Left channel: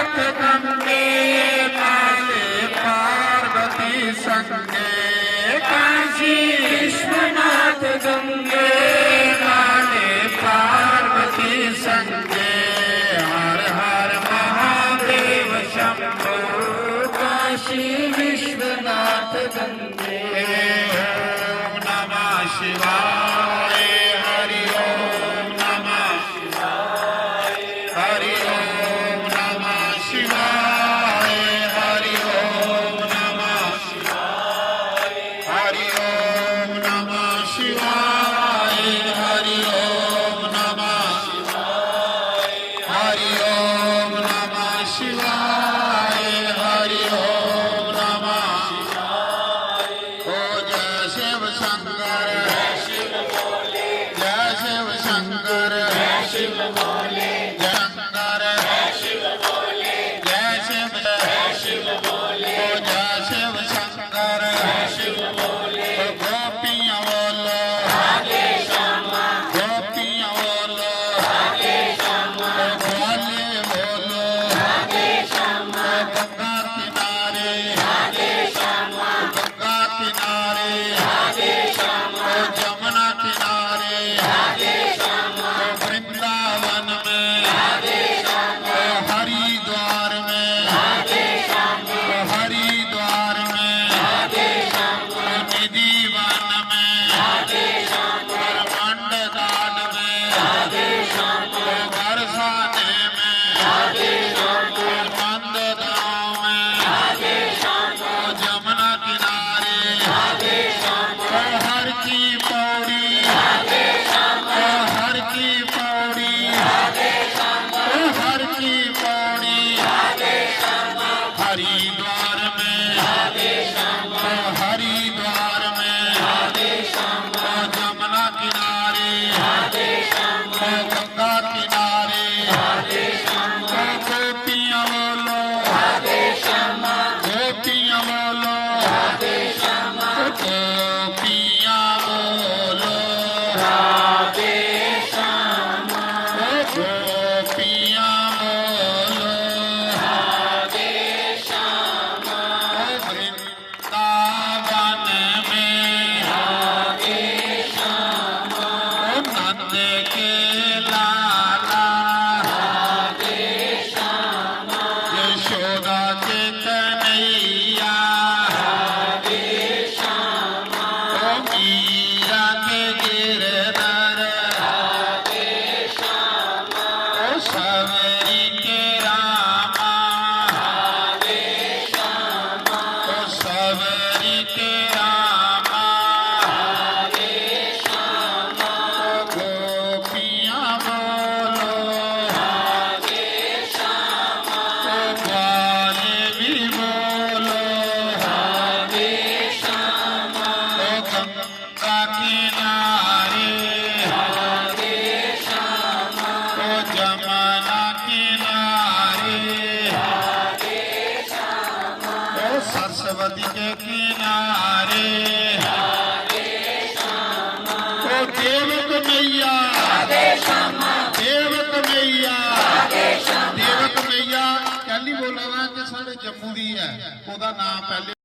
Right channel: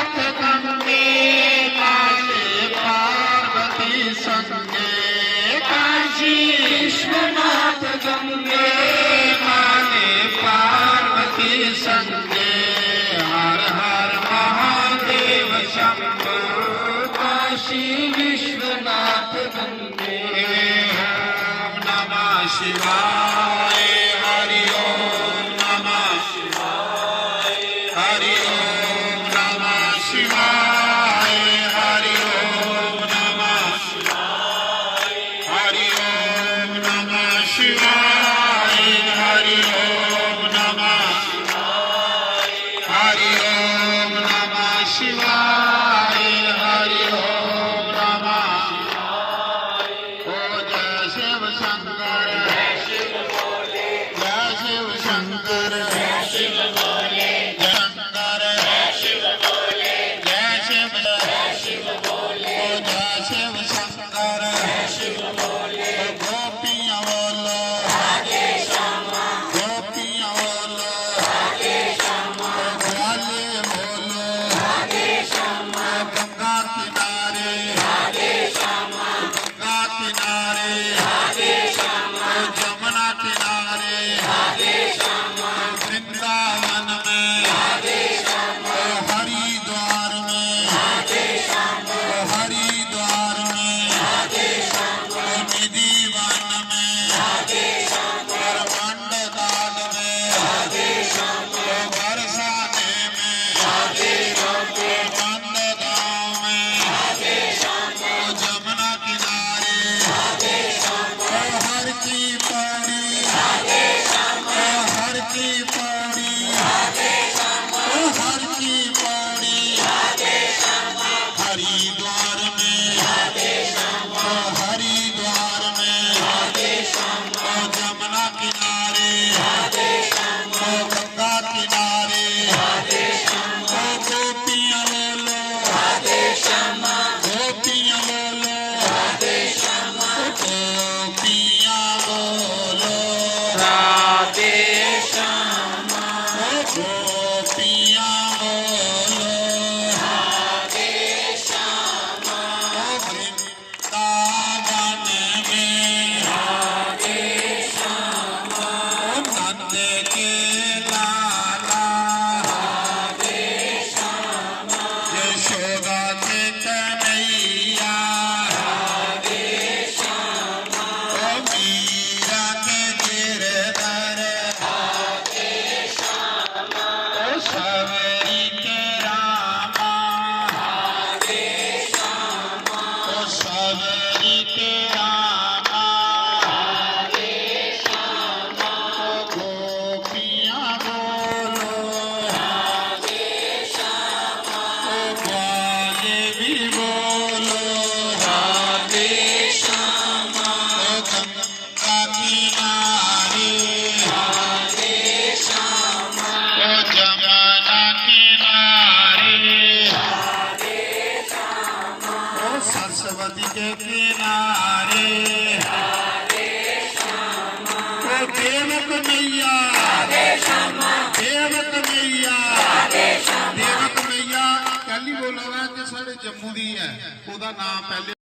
विश्वनाथ गंगे काले पार्वती संगे काशी विश्वनाथ गंगे काले पार्वती संगे हर हर महादेव शंभो काशी विश्वनाथ गंगे ओम नमः शिवाय हरि ओम नमः शिवाय हरि ओम नमः शिवाय हरि ओम नमः शिवाय हरि ओम नमः शिवाय हरि ओम नमः शिवाय हरि ओम नमः शिवाय हरि ओम नमः शिवाय ओ जय शिव शंकर जय शिव भोले जय शिव शंकर जय शिव भोले जय शंकर जय शिव भोले जय शिव भोले ओ जय शिव शंकर जय शिव भोले गोपियां बोलो राधे श्यामा गोपियां बोलो राधे श्यामा भोले बोलो राधे श्यामा गंगा किनारे राधे श्यामा गंगा किनारे राधे श्यामा जमुना किनारे राधे श्यामा वृंदावन में राधे श्यामा हरिद्वार में राधे श्यामा हरिद्वार में राधे श्यामा निधिवन में राधे श्यामा मंडदान में राधे श्यामा बरसाने में राधे श्यामा नंदगांव में राधे श्यामा जमुना किनारे राधे श्यामा हर की पौड़ी राधे श्यामा हर की पौड़ी राधे श्यामा हर की पौड़ी राधे श्यामा हरिद्वार में राधे श्यामा हरिद्वार में राधे श्यामा जमुना किनारे राधे श्यामा गंगा किनारे राधे श्यामा गोपियां बोलो राधे श्यामा गोपियां बोलो राधे श्यामा गोपियां बोलो राधे श्यामा गोपियां बोलो राधे श्यामा वृंदावन में राधे श्यामा नंद के लाला राधे श्यामा यशोदा के कन्हैया राधे श्यामा मीरा के गिरधर राधे श्यामा सबरी के रामा राधे श्यामा सबरी के रामा राधे श्यामा गोपियां बोलो राधे श्यामा ग्वाले भी बोलो राधे श्यामा गंगा किनारे राधे श्यामा जमुना किनारे राधे श्यामा सरस्वती के किनारे राधे श्यामा देवक मैया राधे श्यामा देवक मैया राधे श्यामा देवक मैया कहली बोलना कि साढ़े जम्मू दी है ਉਹਦਾ ਨਾਮ ਪਹਿਲੇ